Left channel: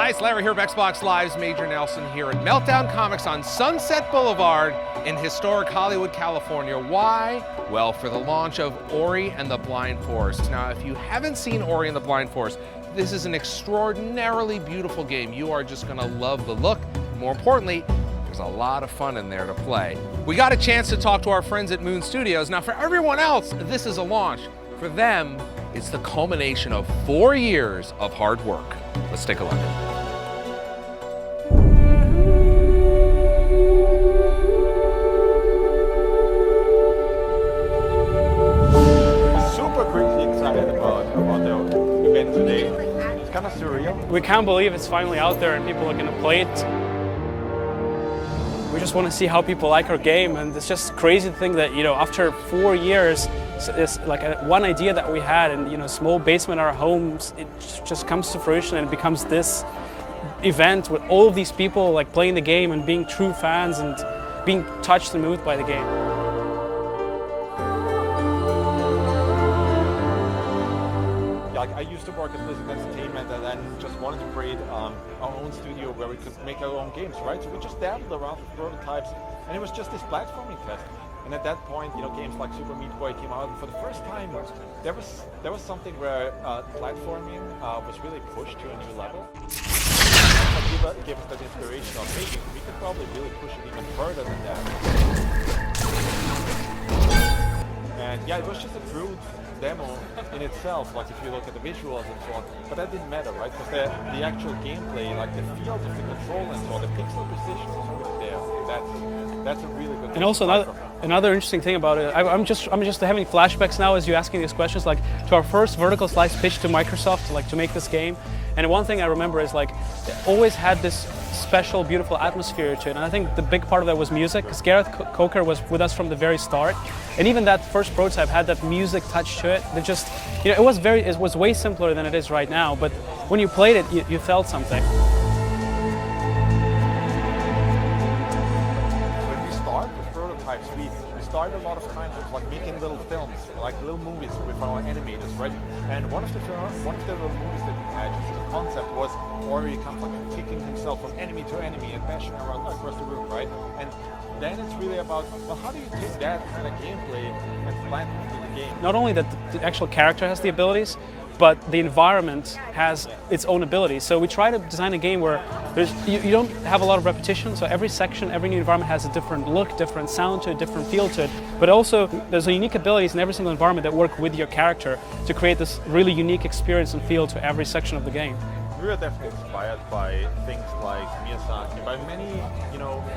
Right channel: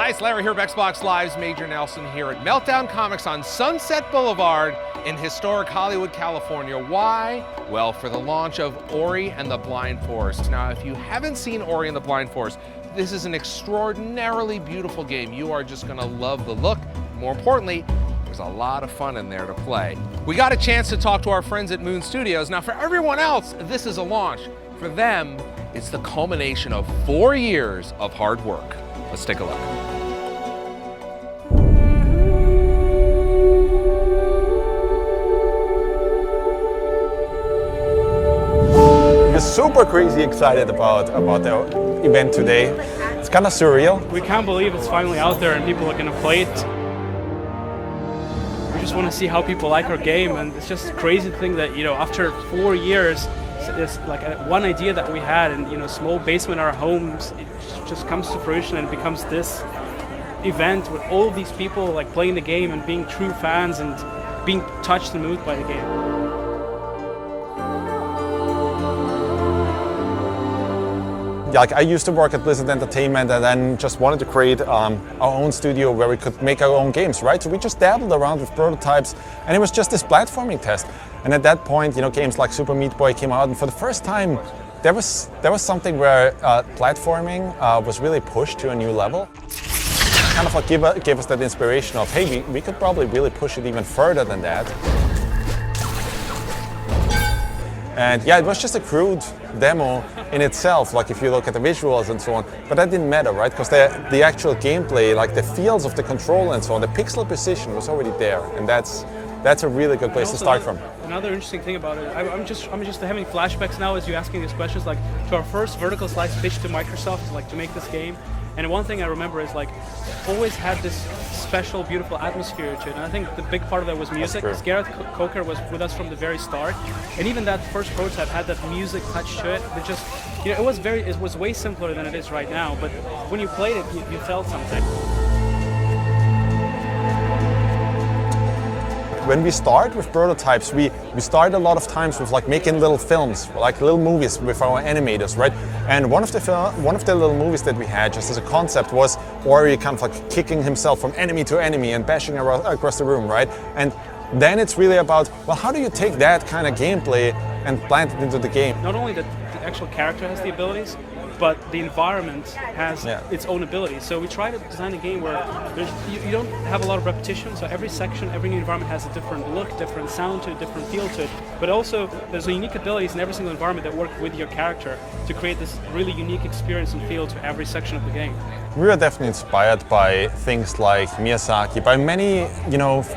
Hi, it's Larry here of Xbox Live's Major Nelson here at Meltdown Comics on Sunset Boulevard in historic Hollywood, California. Why? Well, for the launch of Ori and the Blind Forest. Now, if you haven't seen Ori and the Blind Forest, this is an extraordinarily beautiful game. You are just gonna love the look. More importantly, there's a lot of fun in there to play. We got a chance to talk to our friends at Moon Studios. Now, for everyone else, this is a launch. For them, it's the culmination of 4 years of hard work. Let's take a look. We're super crazy excited about the event today. It's kind of surreal. We can't believe it's finally out there and people are going to play it. We just want to see how people like our game, and it's just a crazy thing that, you know, after 4 years, it's like one idea that we had in, a small basement in our homes, it just comes to fruition and becomes this event with all of these people like playing the game and being true fans and being touched and moved by the game. Like, I used to work at Blizzard Entertainment and then just wanted to create our own studio where we could make our own games, right? So we just dabbled around with prototypes, and it was just this platforming test. And at that point, games like Super Meat Boy came out, and for the first time, there was something where platforming was really pushed to a new level. Kind of like gave us that inspiration of, hey, we could probably really push it even further than that. And yeah, it was just a crude demo in itself, like if you look at the visuals and so on, but that didn't matter, right? Because the actual gameplay, like the feels of the control and so on, the pixel precision was already there, and that's a really good place to start from. Another interesting thing about it, I'm just having flashbacks now as you asking these questions, like to our first vertical slice pitch to Microsoft, like to make this game. And one thing I remember is like always had this special, beautiful atmosphere to it. And I think the big part of that was music. Because Gareth Coker was with us from the very start, and even that first prototype had that music touch to it. That just, it was way simpler than it is right now. But when you played it, you felt something. When we start with prototypes, we start a lot of times with like making little films, like little movies with our animators, right? And one of the little movies that we had just as a concept was Ori kind of like kicking himself from enemy to enemy and bashing across the room, right? And then it's really about, well, how do you take that kind of gameplay and plant it into the game? Not only that the actual character has the abilities, but the environment has its own abilities. So we try to design a game where you don't have a lot of repetition, so every section, every new environment has a different look, different sound to it, different feel to it, but also there's unique abilities in every single environment that work with your character to create this really unique experience and feel to every section of the game. We were definitely inspired by things like Miyazaki, by many,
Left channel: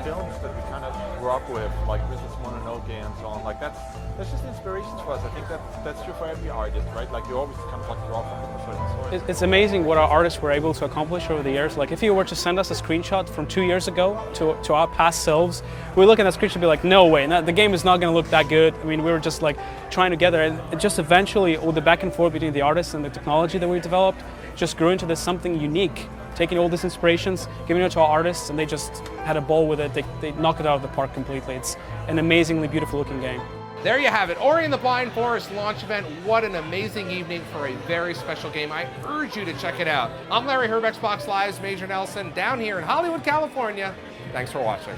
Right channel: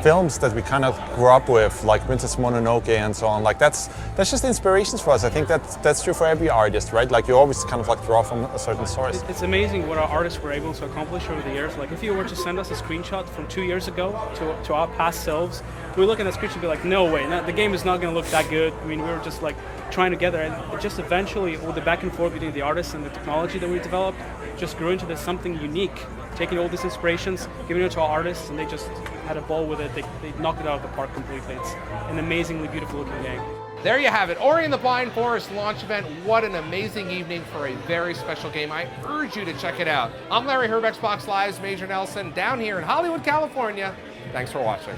films that we kind of grew up with, like Princess Mononoke and so on. Like that's just inspirations for us. I think that's true for every artist, right? Like you always kind of like draw from a certain source. It's amazing what our artists were able to accomplish over the years. Like if you were to send us a screenshot from 2 years ago to our past selves, we look at that screenshot and be like, no way, the game is not going to look that good. I mean, we were just like trying together, and it just eventually, all the back and forth between the artists and the technology that we developed just grew into this something unique, taking all these inspirations, giving it to our artists, and they just had a ball with it. They knocked it out of the park completely. It's an amazingly beautiful looking game. There you have it, Ori and the Blind Forest launch event. What an amazing evening for a very special game. I urge you to check it out. I'm Larry here of Xbox Live's Major Nelson down here in Hollywood, California. Thanks for watching.